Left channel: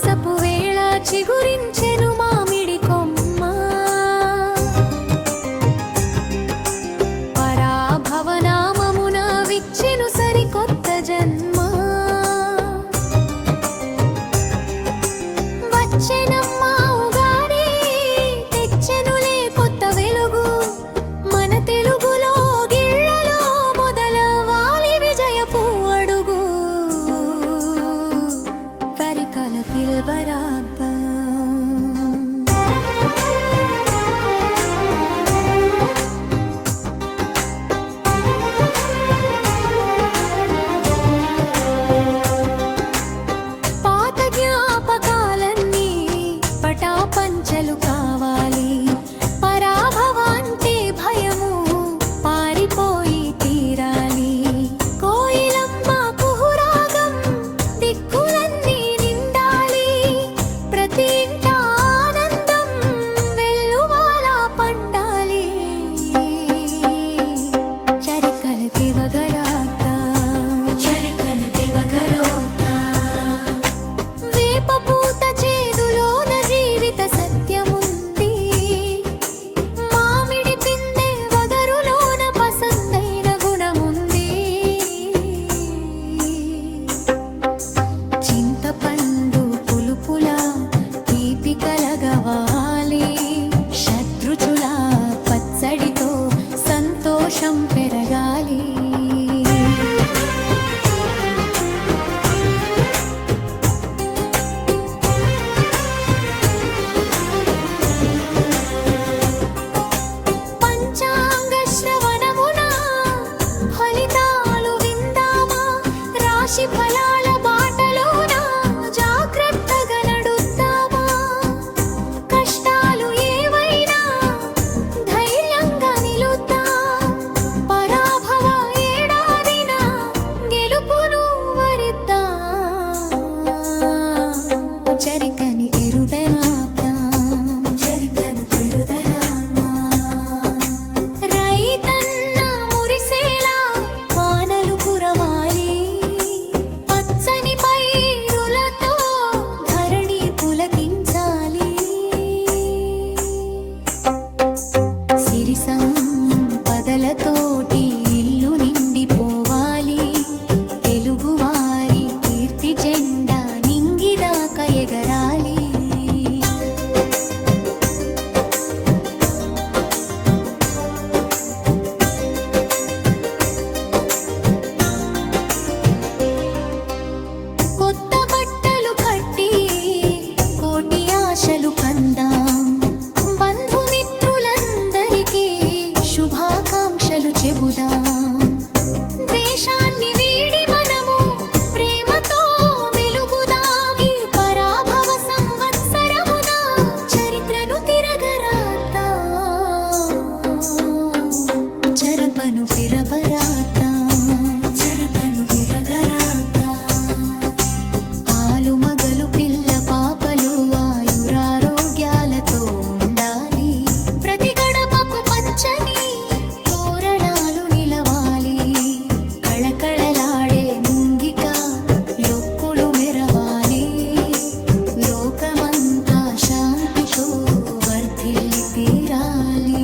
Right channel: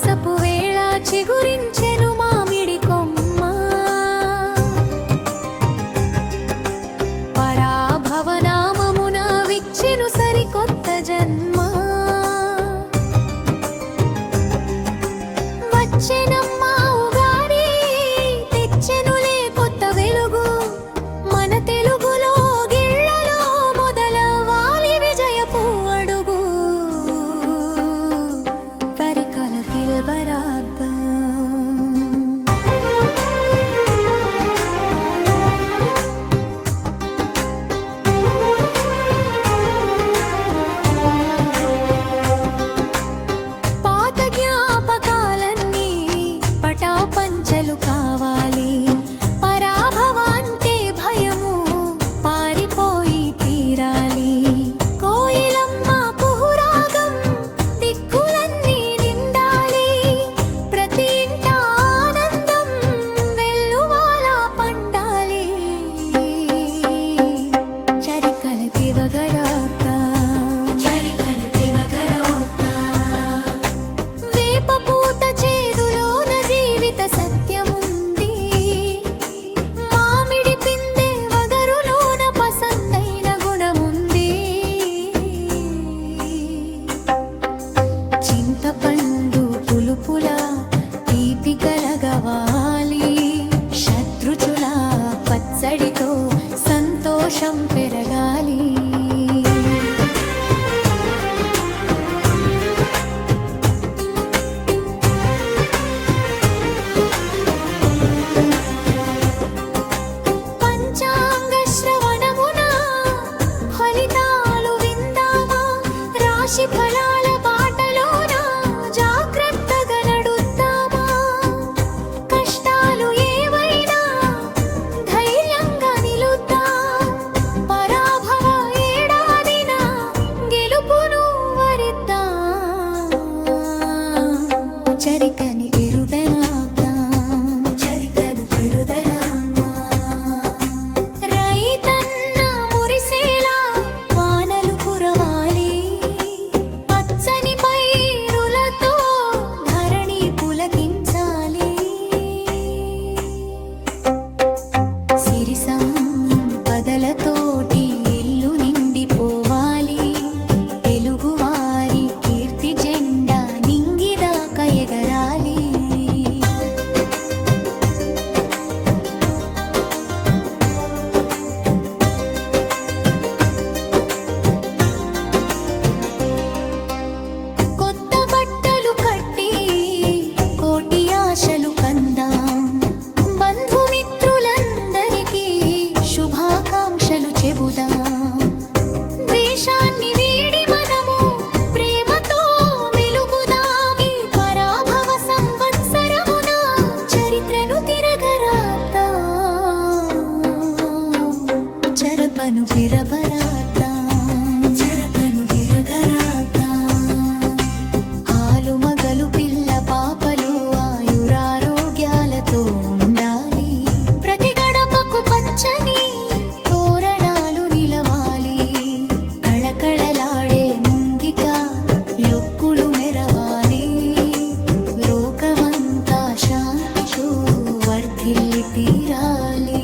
మాసపు వేళ చిగురించెను మామిడి కొమ్మ పరాభవనామమున విచ్చెను సరికొత్త జన్మ వచ్చెనమ్మా ఉగాది తెచ్చెనులే కొత్త వెలుగు మన తెలుగులో గిళ్ళలో మొదలవాలి విజయపు అడుగు పరికల కిలబరాబ్బా పంచలు కావాలి పరాభవాంటే భయము పారిపోయి తీరాలి కోయిలమ్మ కుహురాగం దిక్కులన్నీ నిండాలి ప్రతి ఇంట ఆనందం వెల్లువాలా పండాలి చరికల తివగరాత వేప పూత చేదులోన జీవిత సత్యముంది మామిడి పిందె వగరులోన పసందైన గుణముంది చింతపండు పులుపుల తీపి కలగవాలి శత్రుచుల పచ్చడితో సంతోషం పెరగాలి పంచాంగ శ్రవణమున ఫలితాలు విందామా రాశి ఫలాల బాటలోన జాగ్రత్తగా నడుద్దామా కష్టాలు ఏవైనా ధైర్యంగా నిలుద్దాం పరాభవ ఏడాదిన గెలుపును వరిద్దాం చరికని ఎరుదనాద్దాం రైతన్న మురిసేలా వానలు కురవాలి పచ్చని పైరులతో ధరణి పులకించాలి సిరి సంపదలతోటి ఇల్లు నిండిపోవాలి తెలుగువారి కీర్తి జెండా నింగిదాకా ఎగరాలి కొత్త బట్టలు కట్టి కోటి ఆశలు కందాం బంధుమిత్రులందరికీ శుభాకాంక్షలు చెబుదాం ద్వేషాన్ని వీడి మనము ప్రేమతో మెలుగుదాం ఈ పరాభవ సంవత్సరమున చరిత్రను తిరగరాద్దాం చరపను పిరపరాద్దాం మగలు పిల్ల పాపలు ఆయురారోగ్యాలతో ఉండాలి ప్రతి గడపకు పచ్చని తోరణాలు నిలవాలి కళకళలాడే ముంగిక యొక్కులు మెరవాలి లోకమంతా శాంతితో వర్ధిల్లి తీరాలి